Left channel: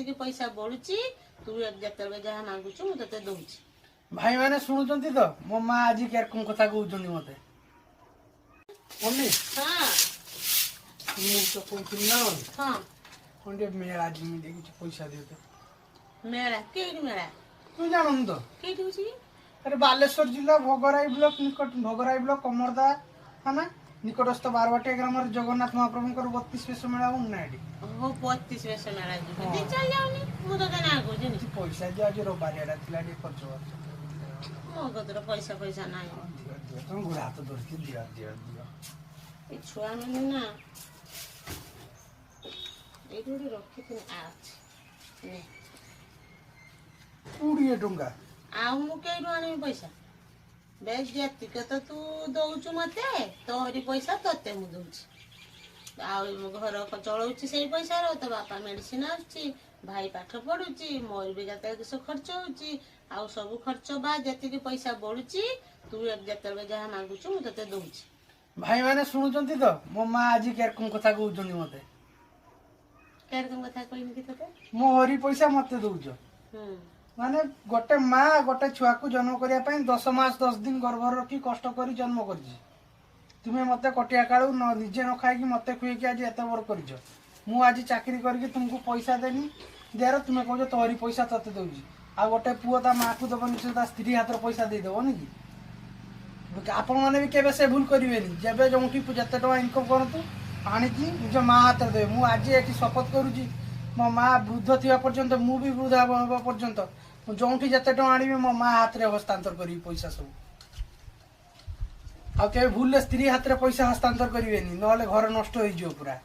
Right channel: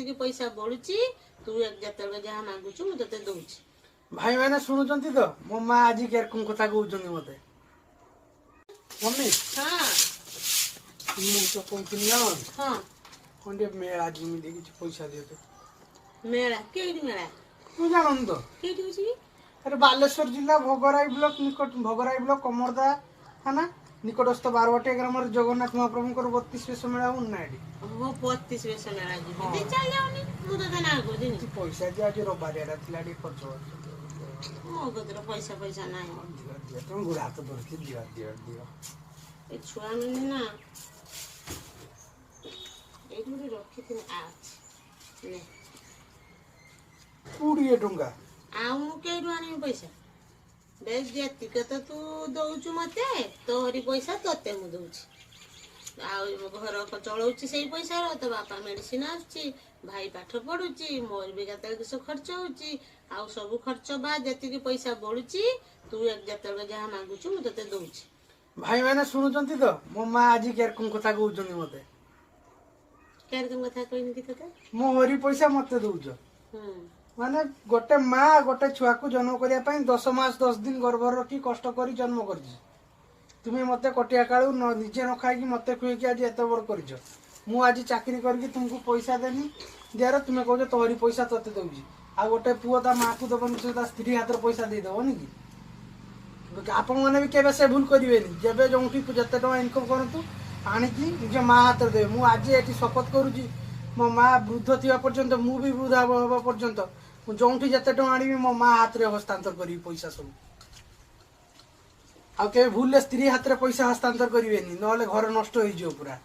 ଯେତିକି ପଇସା ବଳୁଛି ତୁ ଯେତେବେଳେ ଯାହା ମାଗୁଛୁ ମୁଁ ତତେ ଦଉଛି। ଭାଇ ମାନେ ଶୁଣୁଛନ୍ତି ତ ମୋ ମା ଆଜି କେରକମ କଥା କହୁଛନ୍ତି ମତେ। ମମ୍ମି ହଁ ମୁଁ ତ କହୁଥିଲି ନା ହଁ ଖଣ୍ଡେ ମେଳା ଯିମି କିଛି ପଇସା ଦିଅ ତ। ମେଳା କେଇଠି ମେଳା ତୁ ଜାଣୁନି ତ? କେଇଠି ହଉଛି କି? ଆରେ ବାଲେଶ୍ୱର ଜିଲ୍ଲା ଭୋଗରାଇ ବ୍ଲକ ନିକଟ ଭୋଗରାଇ ବ୍ଲକ କମରଦା ଥାନା ନିକଟସ୍ଥ ବାରବାଟିଆ ଗ୍ରାମରେ ଜଗନ୍ନାଥ ମହାପ୍ରଭୁଙ୍କର 32 ବେଶ ମେଳା ହଉନି ନା ଏଠି। ଓହୋ 32 ବେଶ ମେଳା ଯିବି ହଁ। ଦି ଚାଲି ଯାଉନି ମୁଁ ତତେ ନା କହୁଛି କିଛି ପଇସା ଯେ ଆଜି ରବାରିଆଟା ଥିଲା ଟିକେ ଖର୍ଚ୍ଚ ହବ। ମୋ କତିରେ ପଇସା ନାହିଁ। ତମ ବୁଢା ହାତ ଧରିକି ଦିଅ ଦିଅ ଦିଅ। ଏ ଛୁଆ ମାନେ ନା ଏଇଠି ଗୋଟେ ରଖିଥିଲି ଅଛି 20 ଟଙ୍କା। ଆଉ ମୁଁ କେଇଠୁ ଆଣିବି ପଇସା? ବେଶ ଯେତିକ ତ ତୁ ଦଉଛୁ ମତେ ତୋହରି ପଇସା ତତେ ମୁଁ ଦଉଛି। ଆଉ ଘର ଚଳଉଛି ସେଇ ପଇସାର। ତୋ ବାପା ମେଡିସିନ ଆସୁଛି, ଭାଇ ପାଠ ପଢୁଛି, ମୋର ବି କେତେ କିସ ଖର୍ଚ୍ଚ ହଉଛି। ଆଉ ସବୁ ଖର୍ଚ୍ଚ ବା ଯେତିକି ପଇସା ବଳୁଛି ତୁ ଯେତେବେଳେ ଯାହା ମାଗୁଛୁ ମୁଁ ତତେ ଦଉଛି। ଭାଇ ମାନେ ଶୁଣୁଛନ୍ତି ତ ମୋ ମା ଆଜି କେରକମ କଥା କହୁଛନ୍ତି ମତେ। କେରକମ କଥା କହିନି କି ତତେ? ମୋ ହରି ପଇସା ମତେ ଦଉଛ। ହୁଁ ମାନେ ଗୋଟେ ମା ଗୋଟେ ଛୁଆକୁ ଜନ୍ମ କରିବା ପାଇଁ 10 ମାସ 10 ଦିନ ଗର୍ଭରେ ରଖି କଷ୍ଟ କରି ଜନ୍ମ କରିଛି। ତୁମେ ମତେ କଟିଆ କାଳୁ ନିଜେ ନ ଖାଇକି ମତେ ଖୁଏଇକି ଆଜି ଏତେ ବଡ କରିଛ। ମୁଁ ଆଜି ଚାକିରି କରିକି ତୁମକୁ ପଇସା ଦେନି ଦିଆର ତୁମେ କହୁଛ ତୋହରି ପଇସା ତତେ ଦଉଛି। ଆଉ ଗୋଟେ ପୁଅ ତା ମାକୁ ଦବନି ସେ ତା ସ୍ତ୍ରୀ ହାତରେ ପଇସା ଦେଇଦବନି କି? ଆପଣ ମାନେ ବି କେବେ ସେ ଭୁଲ କରିବେନି। ଯେବେ ଯୋଉଠି ଯେତେ ଟଙ୍କା ଇନକମ କରନ୍ତୁ ଆଣିକି ନିଜ ମା ହାତରେ ଦେବେ। ମୁଁ ଆଜି ଏଠି ଶପଥ କରୁଛି ମୋ ମା ବୃଦ୍ଧ ଥିବା ପର୍ଯ୍ୟନ୍ତ ମୁଁ ବି ବୃଦ୍ଧ ହେବା ପର୍ଯ୍ୟନ୍ତ ମୁଁ ଯୋଉଠି ଯେତେ ଟଙ୍କା ଆଣିବି ମୋ ମା ହାତରେ ହସ୍ତାନ୍ତର କରିବି ପଇସା ସବୁ। ଆଉ କେବେ ଭୁଲରେ ସ୍ତ୍ରୀ ହାତରେ ପଇସା ହସ୍ତାନ୍ତର କରିବେନି ନହେଲେ ଘର ନଷ୍ଟ ହେଇଯିବ ପୁରା।